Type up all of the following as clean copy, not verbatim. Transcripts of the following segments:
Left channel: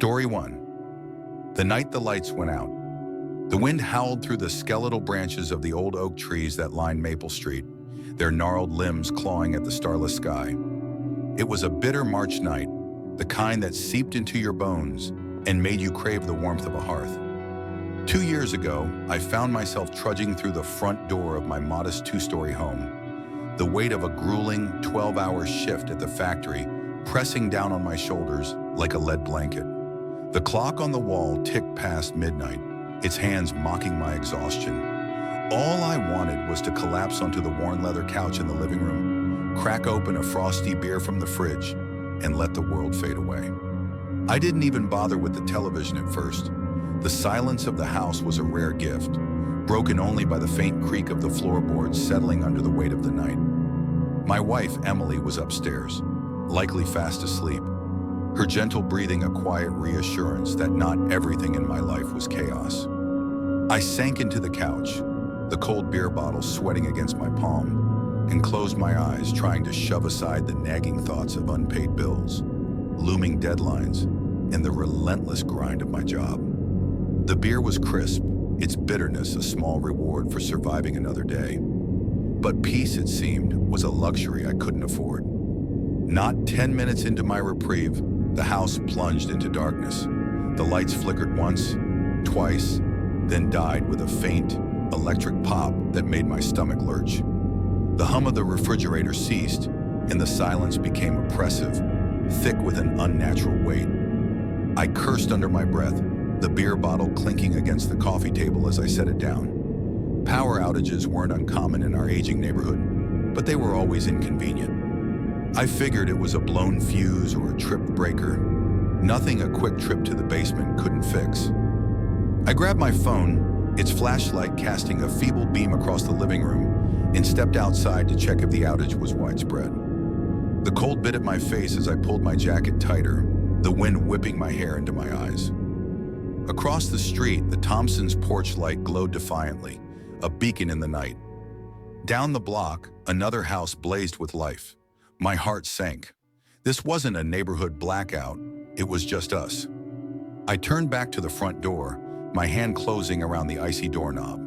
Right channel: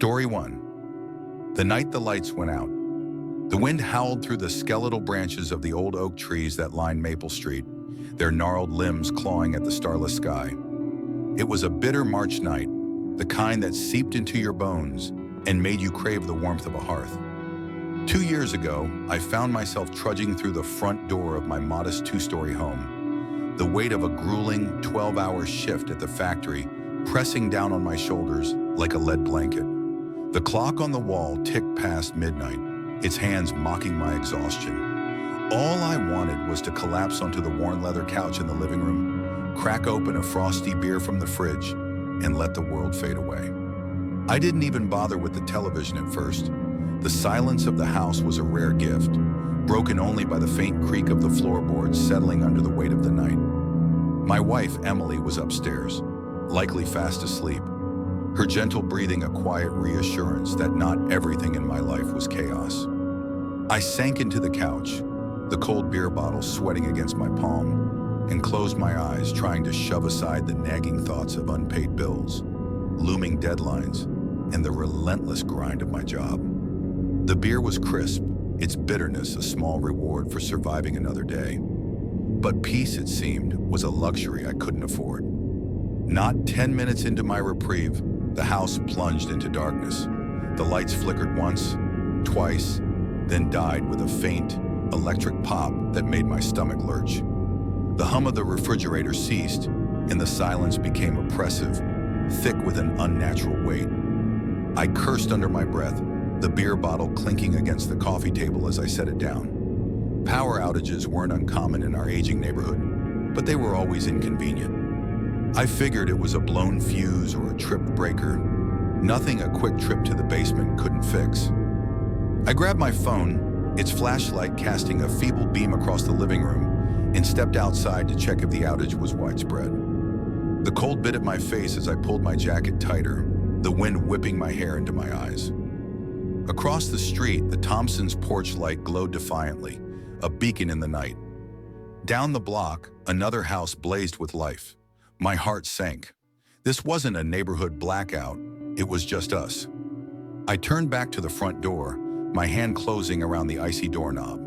Story 1. The night the lights went out. The wind howled through the skeletal branches of the old oak trees that lined Maple Street, their gnarled limbs clawing at the starless sky. It was a bitter March night, the kind that seeped into your bones and made you crave the warmth of a hearth. 2 years ago, I found myself trudging through the front door of my modest 2-story home, the weight of a grueling 12-hour shift at the factory pressing down on my shoulders like a lead blanket. The clock on the wall ticked past midnight, its hands mocking my exhaustion. All I wanted was to collapse onto the worn leather couch in the living room, crack open a frosty beer from the fridge, and let the world fade away. I didn't even bother with the television at first. The silence of the house was a rare gift, broken only by the faint creak of the floorboards settling under the weight of the night. My wife, Emily, was upstairs, likely fast asleep, her gentle breathing a quiet reassurance that not everything in my life was chaos. I sank into the couch, the cold beer bottle sweating against my palm, and closed my eyes, trying to shove aside the nagging thoughts of unpaid bills, looming deadlines, and the relentless grind of my job. The beer was crisp, its bitterness a small reward for surviving another day. But peace, it seemed, was a luxury I couldn't afford. Not 10 minutes into my reprieve, the house plunged into darkness. The lights flickered once, twice, then died with a faint, electric pop that made my stomach lurch. The hum of the refrigerator ceased, and the silence became oppressive, thick with an unnatural weight. I cursed under my breath, the beer bottle clinking against the coffee table as I set it down. Power outages weren't uncommon in our aging neighborhood, but they were always inconvenient. I figured it was a blown fuse or a tripped breaker, nothing a quick trip to the basement couldn't fix. I grabbed my phone, its flashlight casting a feeble beam across the living room, and stepped outside to check if the outage was widespread. The cold bit at my face as I pulled my jacket tighter, the wind whipping my hair into my eyes. Across the street, the Thompsons' porch light glowed defiantly, a beacon in the night. Down the block, another house blazed with life. My heart sank. This wasn't a neighborhood blackout, it was just us. I turned back to the front door, my hand closing around the icy doorknob.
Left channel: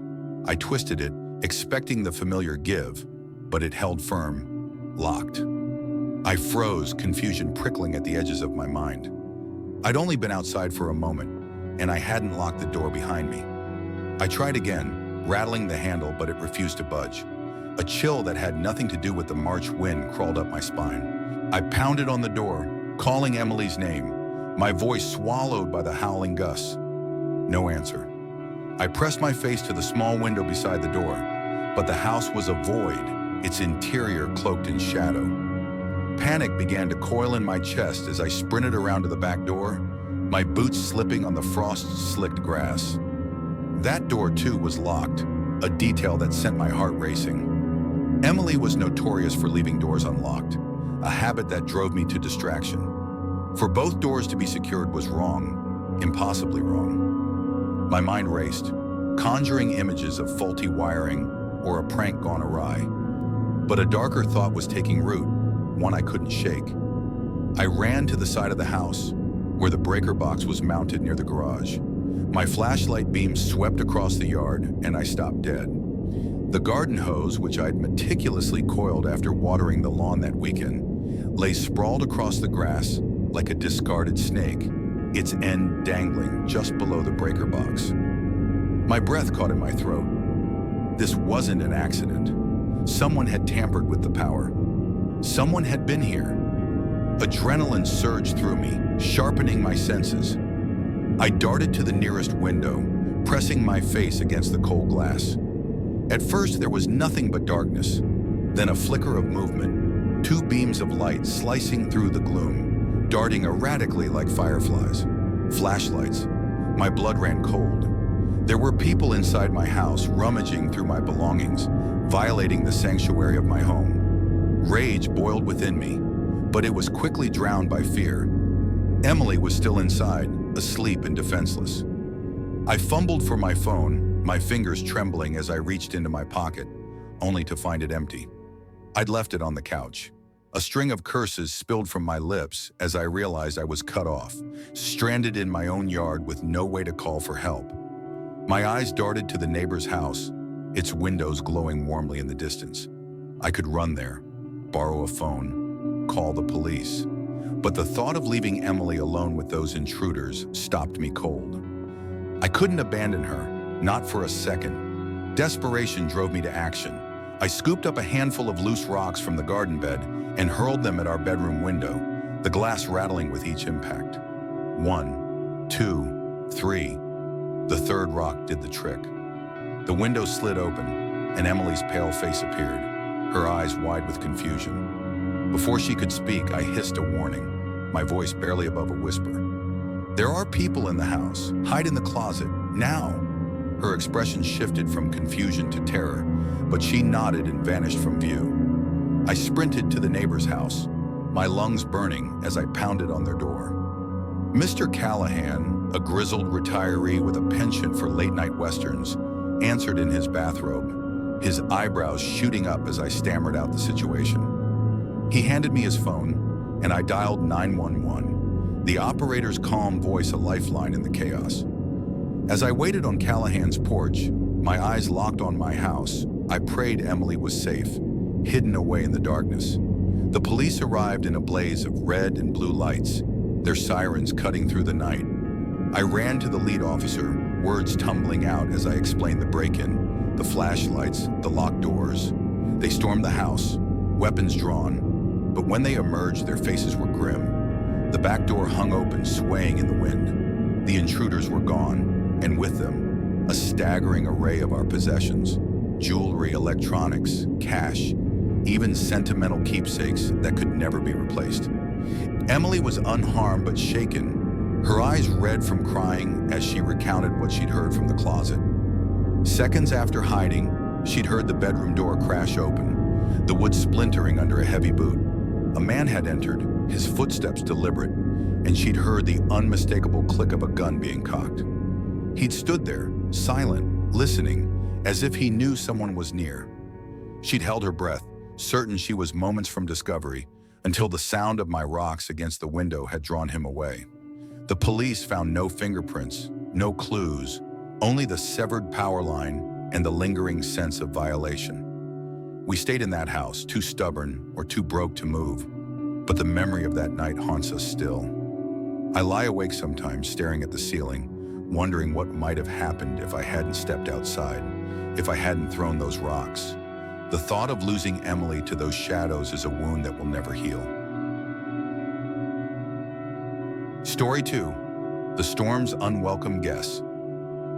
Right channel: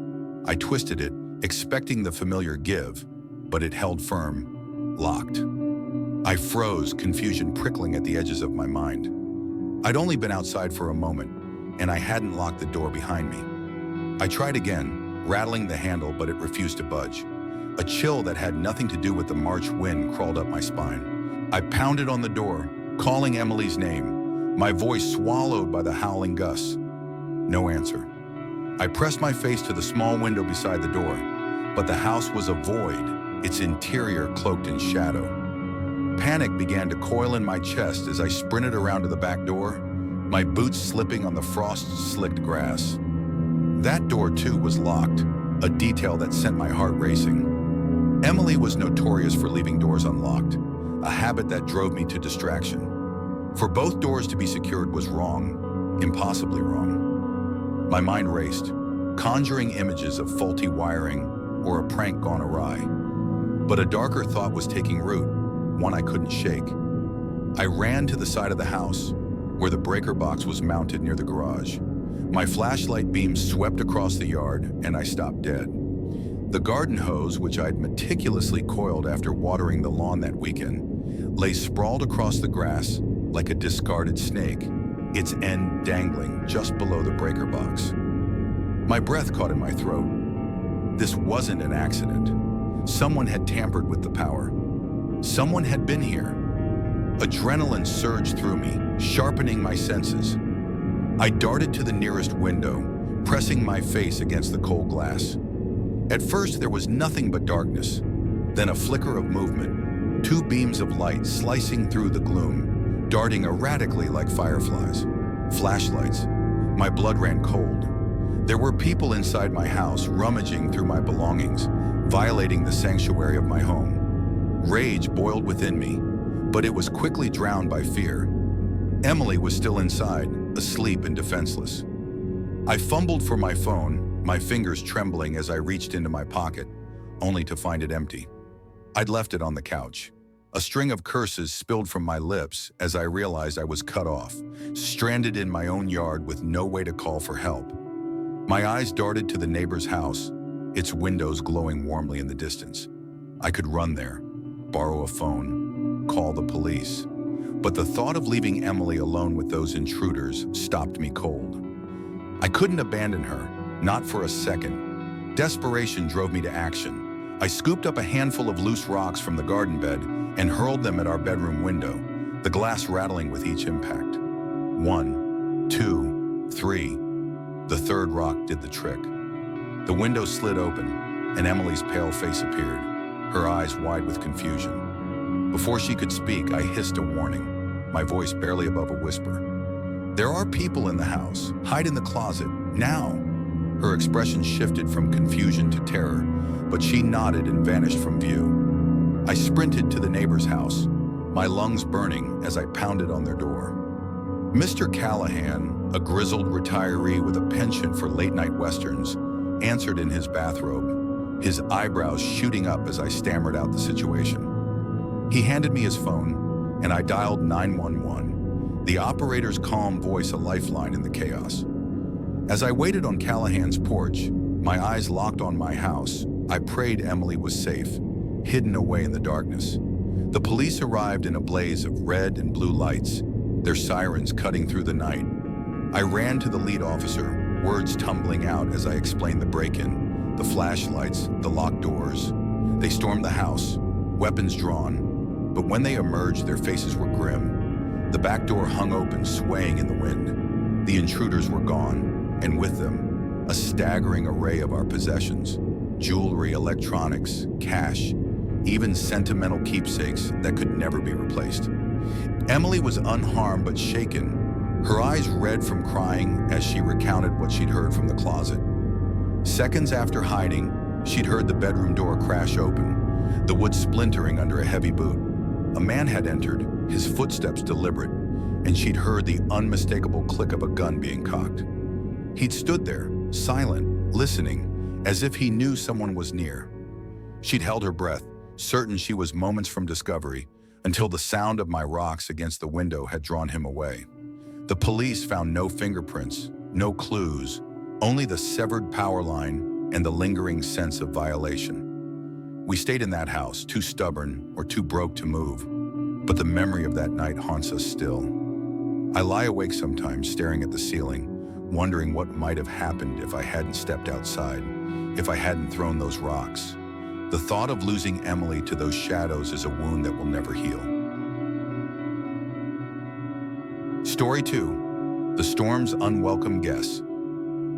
I twisted it, expecting the familiar give, but it held firm, locked. I froze, confusion prickling at the edges of my mind. I'd only been outside for a moment, and I hadn't locked the door behind me. I tried again, rattling the handle, but it refused to budge. A chill that had nothing to do with the March wind crawled up my spine. I pounded on the door, calling Emily's name, my voice swallowed by the howling gusts. No answer. I pressed my face to the small window beside the door, but the house was a void, its interior cloaked in shadow. Panic began to coil in my chest as I sprinted around to the back door, my boots slipping on the frost-slicked grass. That door, too, was locked, a detail that sent my heart racing. Emily was notorious for leaving doors unlocked, a habit that drove me to distraction. For both doors to be secured was wrong, impossibly wrong. My mind raced, conjuring images of faulty wiring or a prank gone awry. But a darker thought was taking root, one I couldn't shake. I ran to the side of the house, where the breaker box was mounted near the garage. My flashlight beam swept across the yard, and I stopped dead. The garden hose, which I'd meticulously coiled after watering the lawn that weekend, lay sprawled across the grass like a discarded snake, its end dangling just below the breaker box. My breath caught in my throat. This wasn't an accident. Someone had tampered with the power. Someone had been here. Adrenaline surged through me, sharpening my senses. I darted to the nearest window, pressing my face against the cold glass. At first, there was nothing but darkness, then a flicker of movement, 2 beams of light slicing through the gloom, darting erratically like fireflies. Flashlights. My blood ran cold. There were people inside my house rummaging through my belongings, violating the sanctuary of my home. Rage boiled within me, but it was quickly drowned by fear. Emily was still inside, asleep and defenseless. I fumbled for my phone, my fingers trembling as I reached into my pocket, only to find it empty. I'd left it on the couch. A string of curses spilled from my lips as I realized I was cut off, stranded in my own yard with no way to call for help. My eyes darted to the neighbor's house, its windows glowing warmly in the distance. I could run there, borrow a phone, call the police. But the thought of leaving Emily alone with those intruders stopped me cold. I couldn't abandon her, not for a second. Desperation drove me to action. I scooped up a handful of loose rocks from the garden bed and hurled them at our bedroom window, the glass rattling with each impact. 1, 2, 3. The third rock did the trick. The window slid open, and Emily's pale face appeared, her eyes wide with confusion. Before she could speak, I hissed a warning, my voice barely above a whisper. "There are people in the house. Hide in the closet, now." Her expression shifted from confusion to terror, but she nodded and vanished from view. I sprinted to the neighbor's house, my lungs burning as I pounded on their door. Mr. Callahan, a grizzled retiree with a penchant for late-night westerns, answered in his bathrobe, his eyebrows shooting up as I stammered out the situation. He handed me his phone, and I dialed 911, the operator's calm voice a lifeline in the chaos. As I waited on Callahan's porch, my eyes locked on my house, I prayed Emily was safe, hidden away in the darkness. The police arrived in a blaze of red and blue lights, their sirens cutting through the night. I ran to the lead officer, words tumbling out as I explained the break-in, the flashlights, the locked doors. They stormed the house, weapons drawn, but when they emerged, their faces were grim. The back door hung open, swaying in the wind. The intruders were gone, and with them, a staggering array of our possessions: jewelry, electronics, cash, even sentimental keepsakes that could never be replaced. Emily was unharmed but shaken, her eyes red from crying as she recounted what she'd heard from the closet. Seconds after hiding, she'd heard the bedroom door crash open, the wood splintering under a heavy boot. A man had entered, his footsteps deliberate, and she'd heard the unmistakable click of a gun being cocked. He'd stood there, silent, listening, as if he knew someone was near. She'd held her breath, certain she was moments from discovery, until the sound of my rocks against the window had drawn him away. The police found no fingerprints, no clues, only the severed power line and the lingering sense of violation. We stayed in that house, too stubborn or too broke to move, but the memory of that night haunts us still. I lie awake sometimes, staring at the ceiling, wondering what might have happened if I hadn't stepped outside, if I hadn't thrown those rocks. The thought of losing Emily to those shadows is a wound that will never heal. Story 2, The Storm's Unwelcome Guest.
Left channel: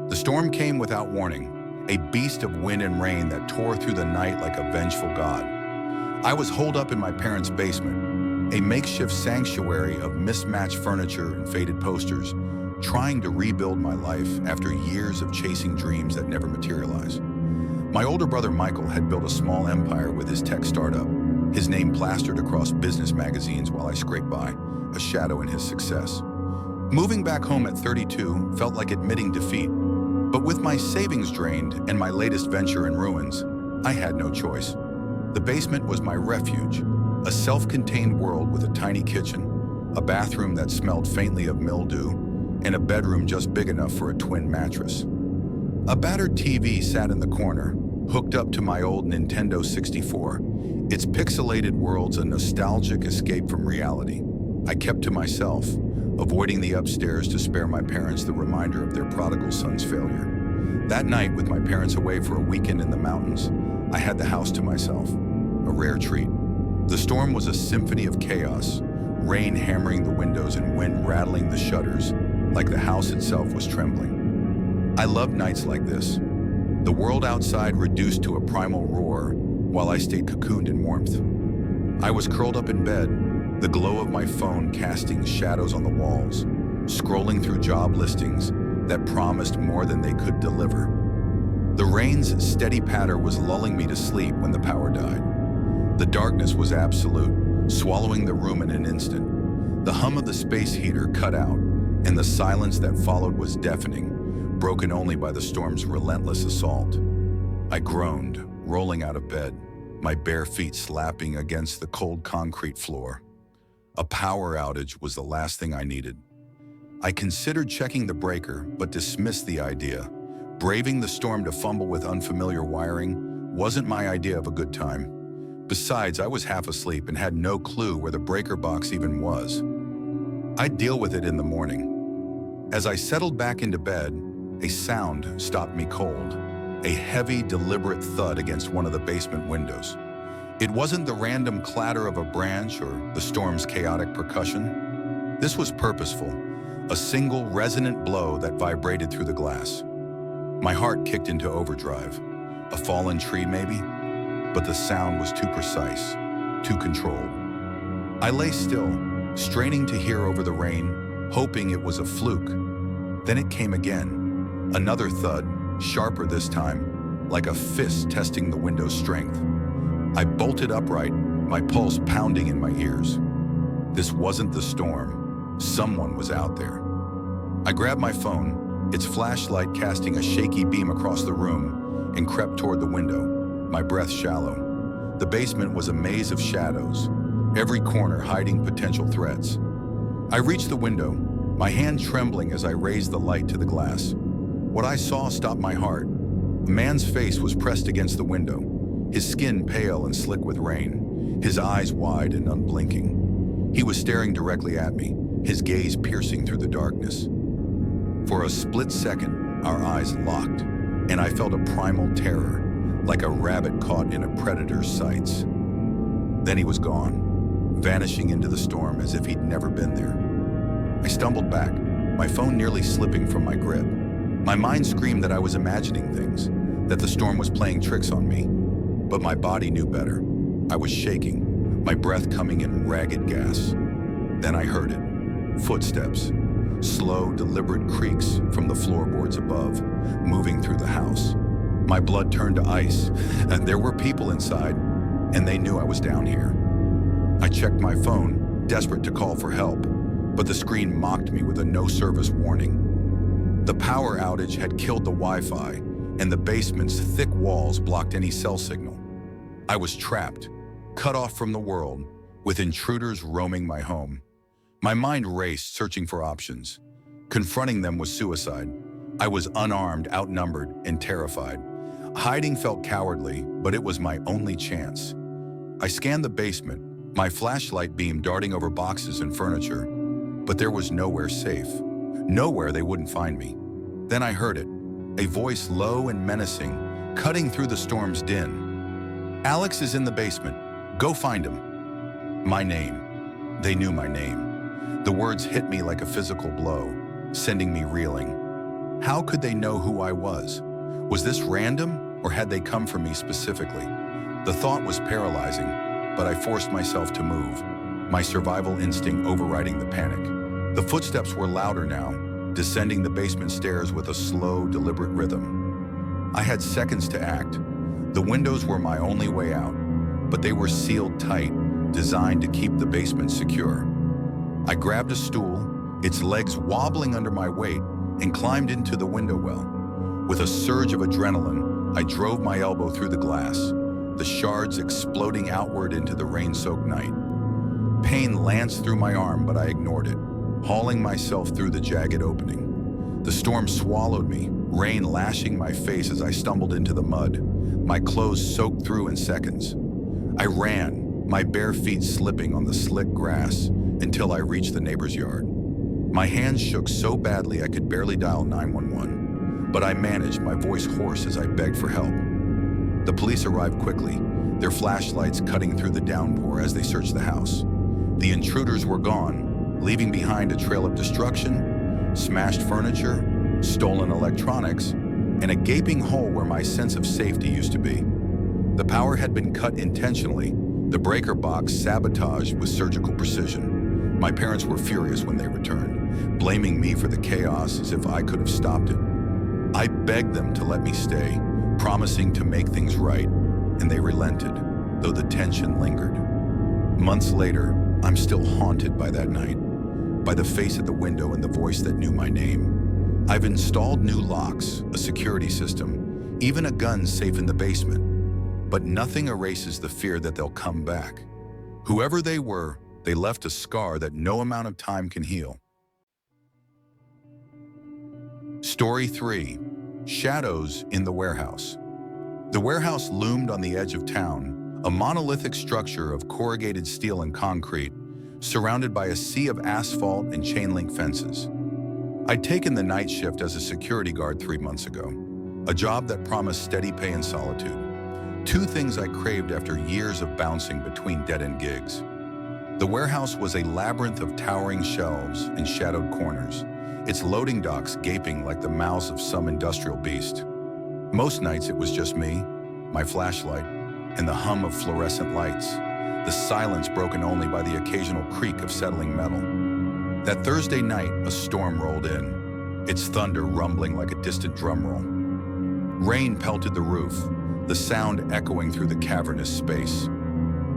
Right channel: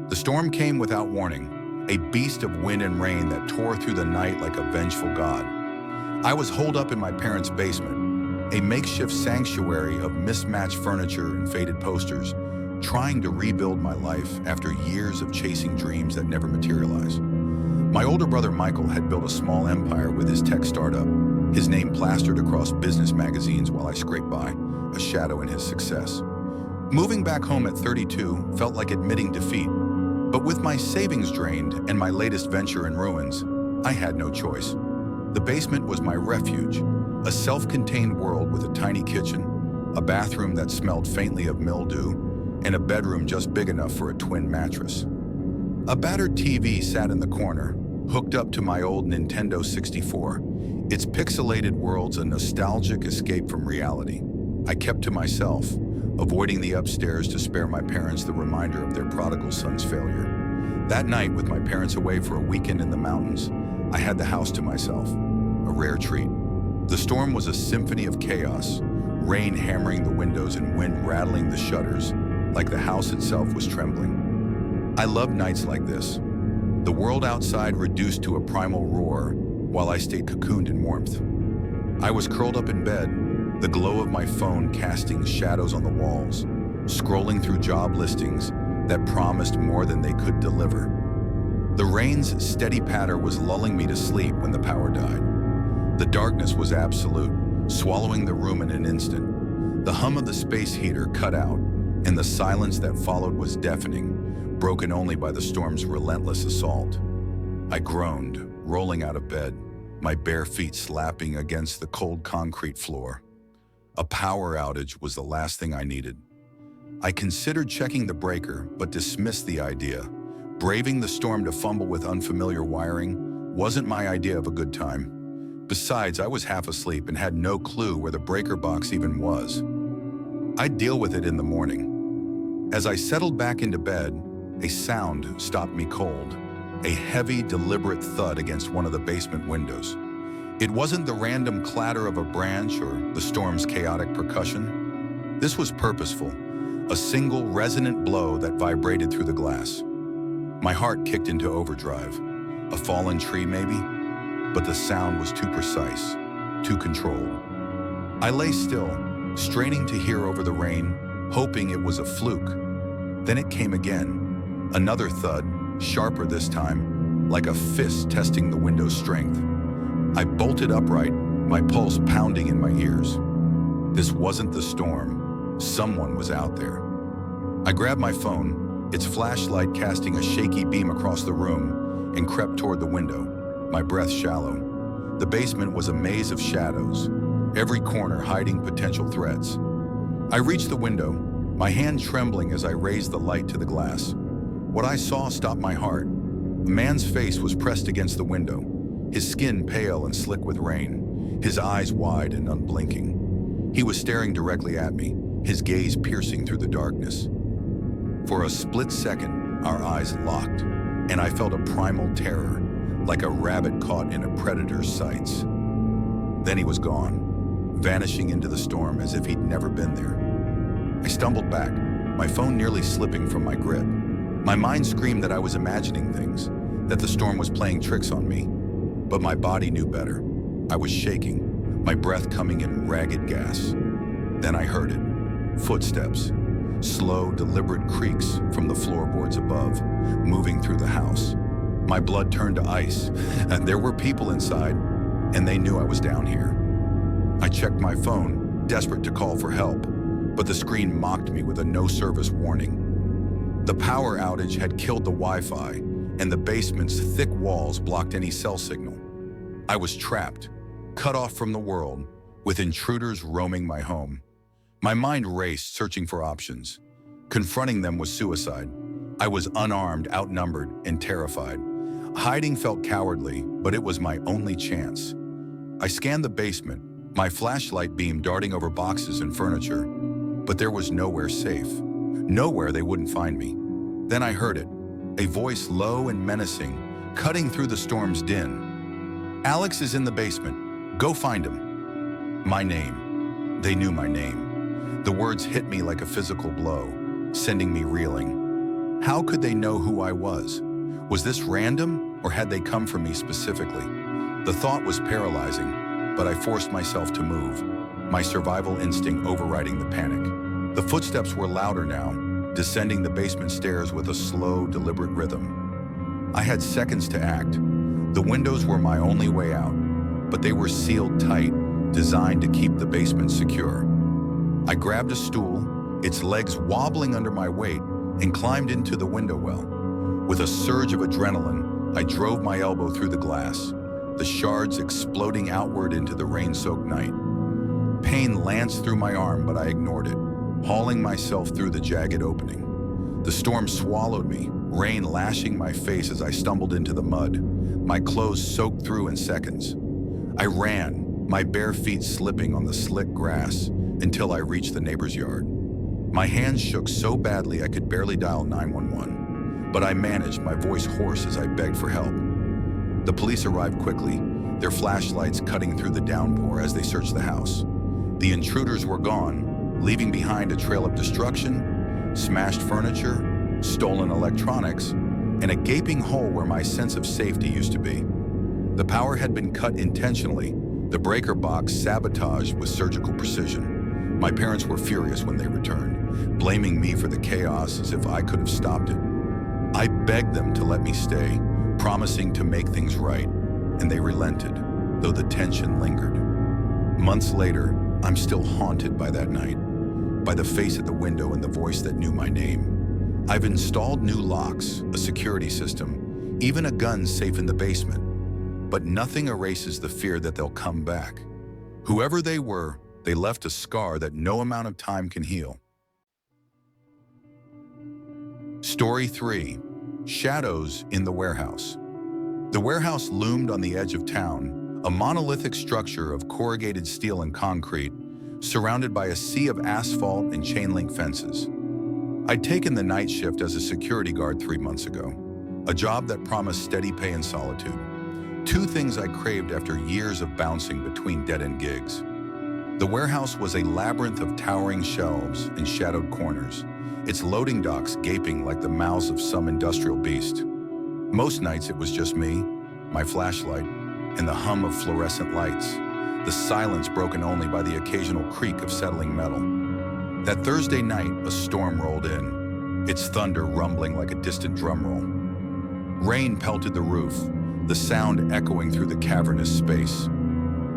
The storm came without warning, a beast of wind and rain that tore through the night like a vengeful god. I was holed up in my parents' basement, a makeshift sanctuary of mismatched furniture and faded posters, trying to rebuild my life after years of chasing dreams that never materialized. My older brother Michael had built a small empire with his tech startup, his name plastered across business magazines while I scraped by, a shadow in his success. Moving back home at 32 felt like admitting defeat, but with my savings drained and my latest venture in ruins, I had no choice. The basement was my refuge, a self-contained world with a tiny kitchen, a bathroom that smelled faintly of mildew, and a bedroom just big enough for a twin mattress. A battered TV sat in the corner, hooked up to my old Nintendo 64, its pixelated worlds a nostalgic escape from reality. I kept to myself, avoiding the upstairs to spare my parents the reminder of their prodigal son's failure. That night, with my parents away for a weekend in the mountains, I had the house to myself, a rare treat. The storm was a symphony of chaos, rain hammering the windows and wind rattling the shutters, like the house itself was trembling. I loved nights like this. The world outside reduced to a primal roar, while I stayed cocooned in warmth. I was curled up in bed, the glow of my phone casting shadows on the walls, scrolling through job listings that promised more than they could deliver. The rain's steady patter was lulling me to sleep when the power died. The darkness was absolute, swallowing the room in an instant. The hum of the space heater cut out, and the silence that followed was deafening, broken only by the storm's relentless assault. I groaned, rolling out of bed, my bare feet slapping against the cold concrete floor. A power outage was the last thing I needed. I considered checking the breaker, but dismissed the idea. Braving the storm to fumble with unfamiliar wiring wasn't my idea of a good time. Besides, I was half asleep and had no clue where the breaker box even was. I'd deal with it in the morning. As I settled back into bed, a sound stopped me cold. A heavy, deliberate thud against one of the basement windows. It wasn't the random clatter of a branch or the storm's chaotic percussion. This was purposeful, a single resonant blow that vibrated through the glass. My heart kicked into overdrive. A fallen tree, maybe? But the sound was too precise, too controlled. I lay still, straining to hear over the rain, hoping it was a fluke. Then it came again. Another thud, sharper this time, like a fist testing the window's strength. I bolted upright, my pulse pounding in my ears. This wasn't the storm. Someone was out there. I grabbed my phone, its flashlight casting a shaky beam across the room, and crept toward the window, my breath shallow. The basement was a maze of shadows, every corner hiding potential threats. I reached the window, my hand trembling as I raised the light to the glass. What I saw stopped my heart. A man's face was pressed against the window, his skin pale and slick with rain, his eyes wide and unblinking. He was staring directly at me, his gaze piercing through the darkness. For a split second, our eyes locked, and I felt a primal terror, like a rabbit caught in a predator's sights. Then he was gone, vanishing into the storm as if he'd never been there. I stumbled back, my phone nearly slipping from my grip. My mind screamed that I was imagining things, that the storm was playing tricks on me. But my body knew better. I was shaking, my breath coming in ragged gas. Then I heard it. Footsteps. Slow, deliberate creaks from the floorboards above, moving through the house. My blood turned to ice. There were people inside, and they knew I was down here. I checked my phone, desperate to call for help, but the screen mocked me with a no-service warning. The power outage had killed the Wi-Fi, and the basement's thick walls blocked any cell signal. I was trapped, cut off from the world, with intruders roaming my home. My mind raced, searching for options. Confronting them was suicide. I was unarmed, outnumbered, and terrified. Hiding felt cowardly, but it was my only chance. I scanned the basement, my flashlight beam darting over boxes and furniture, but there was nowhere safe. Nowhere they wouldn't find me. Then I heard it, a voice low and menacing, cutting through the storm's din. "Alex is in the basement. Go find him." My name. They knew my name. The words hit me like a physical blow, sending me reeling. How could they know who I was? Was this random, or had they come for me specifically? The thought was paralyzing, but I forced myself to move, my survival instinct overriding the panic. The footsteps were louder now, descending the basement stairs with a slow, deliberate rhythm. I had seconds to act. The windows were my only way out, but they were sealed tight, designed to keep the basement secure. I grabbed a stool, its legs wobbling under my weight, and climbed into the window well. With a surge of adrenaline, I drove my elbow through the glass, the shards exploding outward into the rain-soaked night. Pain lanced through my arm, but I ignored it, hauling myself through the jagged opening. The storm swallowed me, rain lashing my face as I stumbled into the mud, my clothes soaked through in seconds. I ran, my bare feet slipping on the slick grass, until I reached the neighbor's yard. My hands shook so badly I could barely dial 911, but I managed, my voice hoarse as I begged for help. The police arrived quickly, their flashlights cutting through the downpour as they searched the house. The intruders were gone, leaving behind a trail of destruction, smashed furniture, stolen electronics, and a gaping hole where my sense of safety used to be. The power had been cut intentionally, the breaker box sabotaged with surgical precision. My parents were furious when they returned, blaming me for the chaos as if I could have stopped it. I begged them to let me stay, promising to make things right, and they relented, though the tension lingered. Months later, I'm still haunted by that night, by the face at the window and the voice that knew my name. I've installed new locks, a security system, even a gun safe in the basement. but nothing erases the fear that they'll come back. Whoever they were, they left a scar that no amount of time can heal. Story 3. Shadows in the warehouse. The warehouse loomed on the edge of town, a monolithic structure of corrugated steel and concrete, surrounded by a sea of asphalt and chain-link fences. I'd taken the night shift as a security guard 3 months ago, a job that promised steady pay and solitude. 2 things I craved after years of bouncing between dead-end gigs. The warehouse was a labyrinth of towering shelves and shadowed corners, its loading docks gaping like the mouths of some industrial beast. Most nights it was just me, my flashlight, and the hum of fluorescent lights, the silence broken only by the occasional creak of settling metal. That Thursday night, a storm rolled in, its thunder rumbling like a distant drum roll. Rain pelted the roof, the sound echoing through the cavernous space.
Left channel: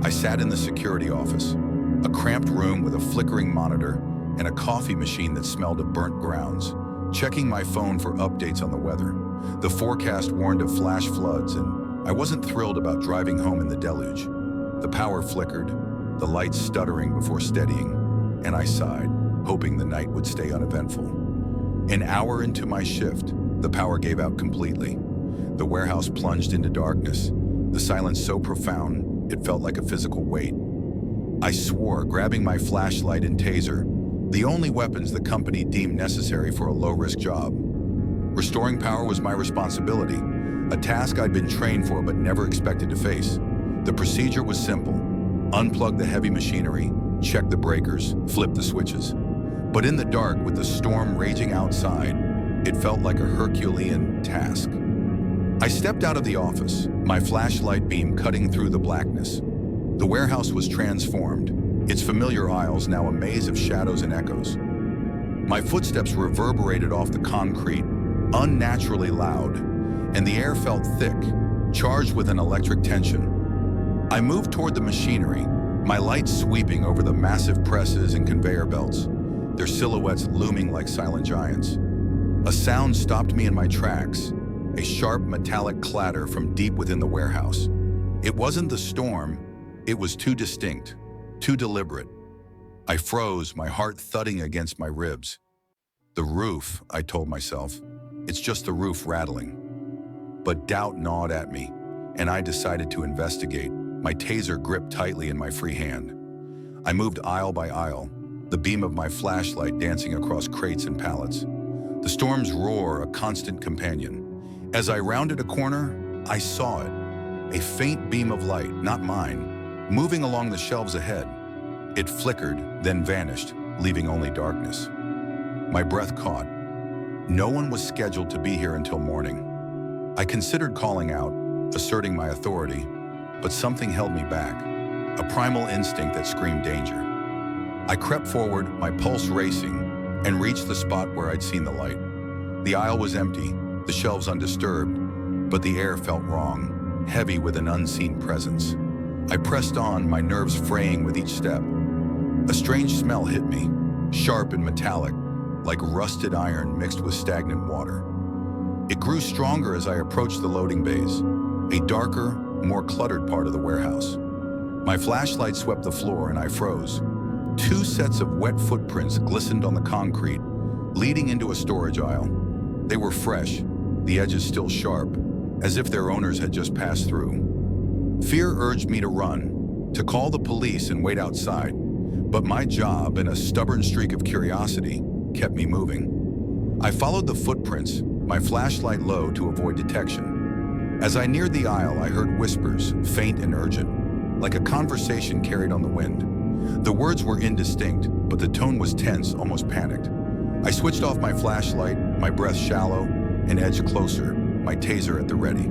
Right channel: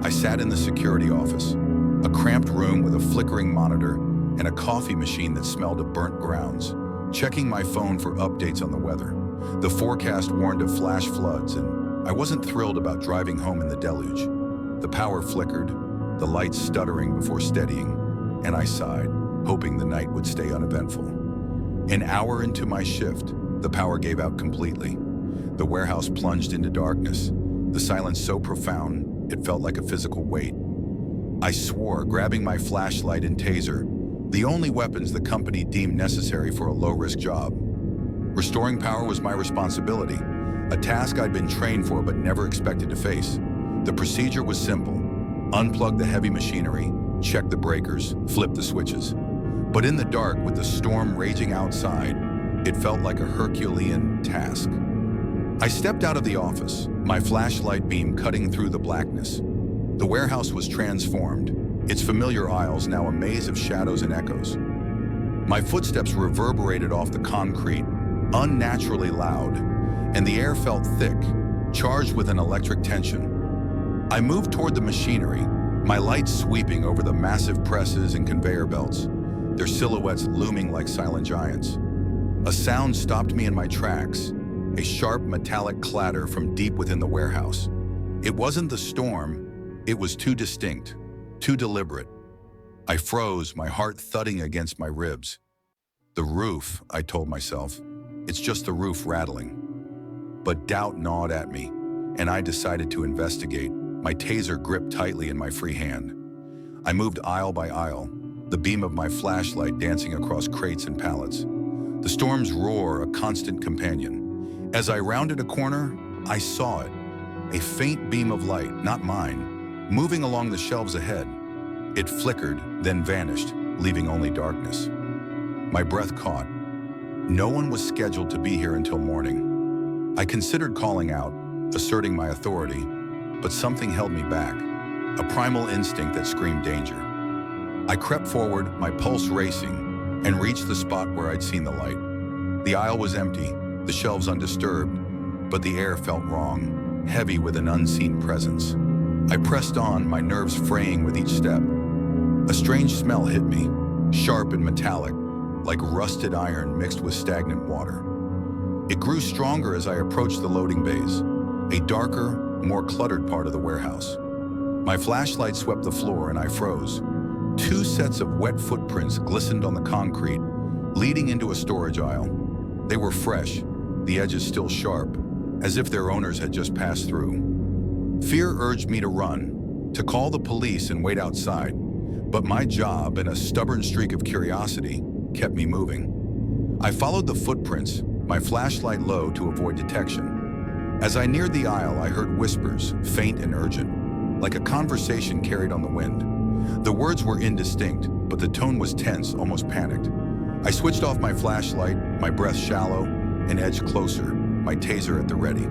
I sat in the security office, a cramped room with a flickering monitor and a coffee machine that smelled of burnt grounds, checking my phone for updates on the weather. The forecast warned of flash floods, and I wasn't thrilled about driving home in the deluge. The power flickered, the lights stuttering before steadying, and I sighed, hoping the night would stay uneventful. An hour into my shift, the power gave out completely. The warehouse plunged into darkness, the silence so profound it felt like a physical weight. I swore, grabbing my flashlight and taser, the only weapons the company deemed necessary for a low-risk job. Restoring power was my responsibility, a task I'd been trained for but never expected to face. The procedure was simple: unplug the heavy machinery, check the breakers, flip the switches. But in the dark, with the storm raging outside, it felt like a Herculean task. I stepped out of the office, my flashlight beam cutting through the blackness. The warehouse was transformed, its familiar aisles now a maze of shadows and echoes. My footsteps reverberated off the concrete, unnaturally loud, and the air felt thick, charged with an electric tension. I moved toward the machinery, my lights sweeping over the massive presses and conveyor belts, their silhouettes looming like silent giants. A sound stopped me in my tracks, a sharp metallic clatter from deep within the warehouse. It wasn't the storm, it was too distinct, too deliberate. I froze, my heart thudding against my ribs. The roof, I told myself. It's just the roof rattling. But doubt gnawed at me, and I decided to investigate, my taser gripped tightly in my free hand. I moved aisle by aisle, the beam of my flashlight dancing across crates and pallets. The storm's roar, a constant companion. As I rounded a corner, I saw it. A faint beam of light, not mine, moving along the shelves ahead. It flickered, then vanished, leaving only darkness. My breath caught. No one was scheduled to be here until morning. I considered calling out, asserting my authority, but something held me back, a primal instinct that screamed danger. I crept forward, my pulse racing, and reached the spot where I'd seen the light. The aisle was empty, the shelves undisturbed, but the air felt wrong, heavy with an unseen presence. I pressed on, my nerves fraying with each step. A strange smell hit me, sharp and metallic, like rusted iron mixed with stagnant water. It grew stronger as I approached the loading bays, a darker, more cluttered part of the warehouse. My flashlight swept the floor and I froze. 2 sets of wet footprints glistened on the concrete, leading into a storage aisle. They were fresh, the edges still sharp, as if their owners had just passed through. Fear urged me to run, to call the police and wait outside, but my job and a stubborn streak of curiosity kept me moving. I followed the footprints, my flashlight low to avoid detection. As I neared the aisle, I heard whispers, faint and urgent, like a conversation carried on the wind. The words were indistinct, but the tone was tense, almost panicked. I switched off my flashlight, my breath shallow, and edged closer, my taser at the ready.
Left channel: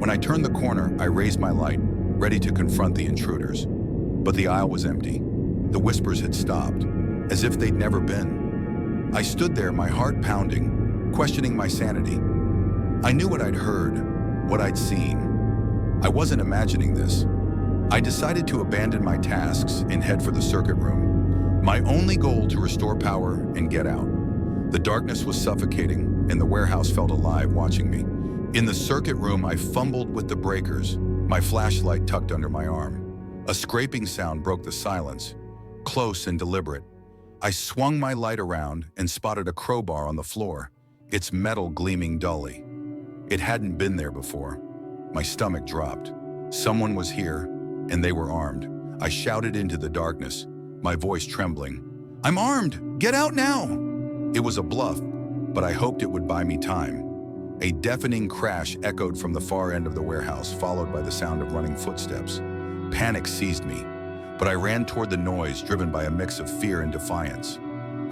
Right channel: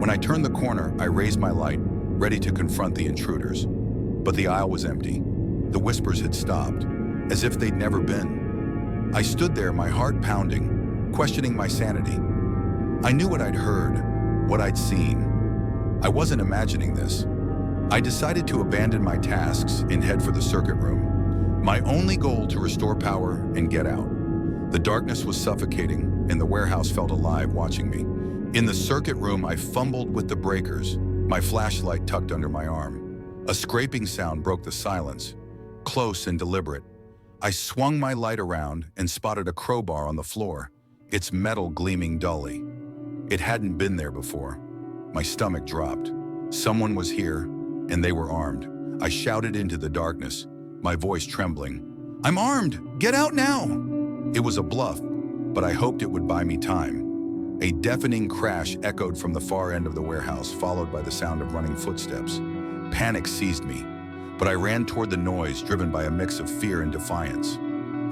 When I turned the corner, I raised my light, ready to confront the intruders. But the aisle was empty. The whispers had stopped, as if they'd never been. I stood there, my heart pounding, questioning my sanity. I knew what I'd heard, what I'd seen. I wasn't imagining this. I decided to abandon my tasks and head for the circuit room, my only goal to restore power and get out. The darkness was suffocating, and the warehouse felt alive watching me. In the circuit room, I fumbled with the breakers, my flashlight tucked under my arm. A scraping sound broke the silence, close and deliberate. I swung my light around and spotted a crowbar on the floor, its metal gleaming dully. It hadn't been there before. My stomach dropped. Someone was here, and they were armed. I shouted into the darkness, my voice trembling. "I'm armed! Get out now!" It was a bluff, but I hoped it would buy me time. A deafening crash echoed from the far end of the warehouse, followed by the sound of running footsteps. Panic seized me, but I ran toward the noise, driven by a mix of fear and defiance.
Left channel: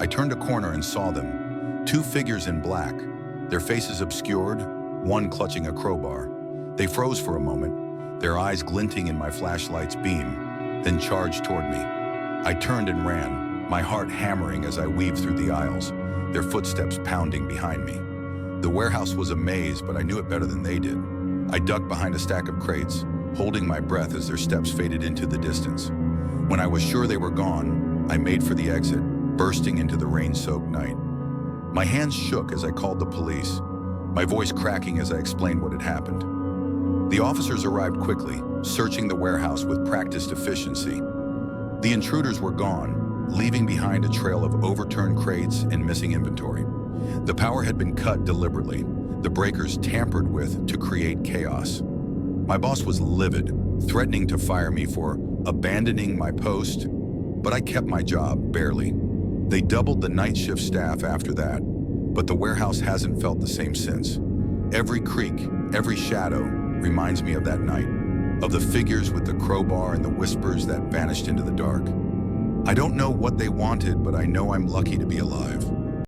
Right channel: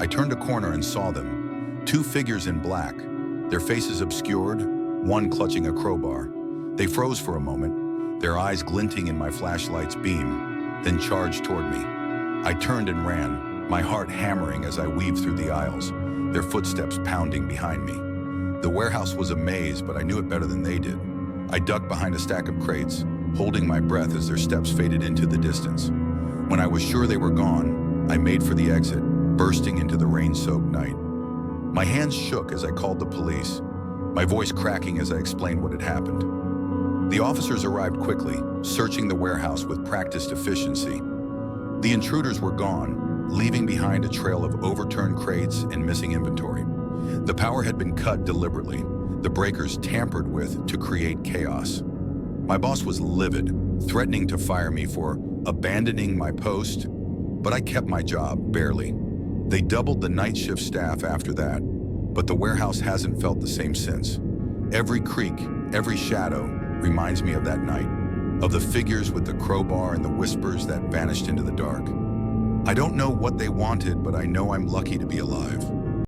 I turned a corner and saw them, two figures in black, their faces obscured, one clutching a crowbar. They froze for a moment, their eyes glinting in my flashlight's beam, then charged toward me. I turned and ran, my heart hammering as I weaved through the aisles, their footsteps pounding behind me. The warehouse was a maze, but I knew it better than they did. I ducked behind a stack of crates, holding my breath as their steps faded into the distance. When I was sure they were gone, I made for the exit, bursting into the rain-soaked night. My hands shook as I called the police, my voice cracking as I explained what had happened. The officers arrived quickly, searching the warehouse with practiced efficiency. The intruders were gone, leaving behind a trail of overturned crates and missing inventory. The power had been cut deliberately, the breakers tampered with to create chaos. My boss was livid, threatening to fire me for abandoning my post, but I kept my job, barely. They doubled the night shift staff after that, but the warehouse hasn't felt the same since. Every creak, every shadow reminds me of that night, of the figures with the crowbar and the whispers that vanished into the dark. I don't know what they wanted, but I know I'm lucky to be alive.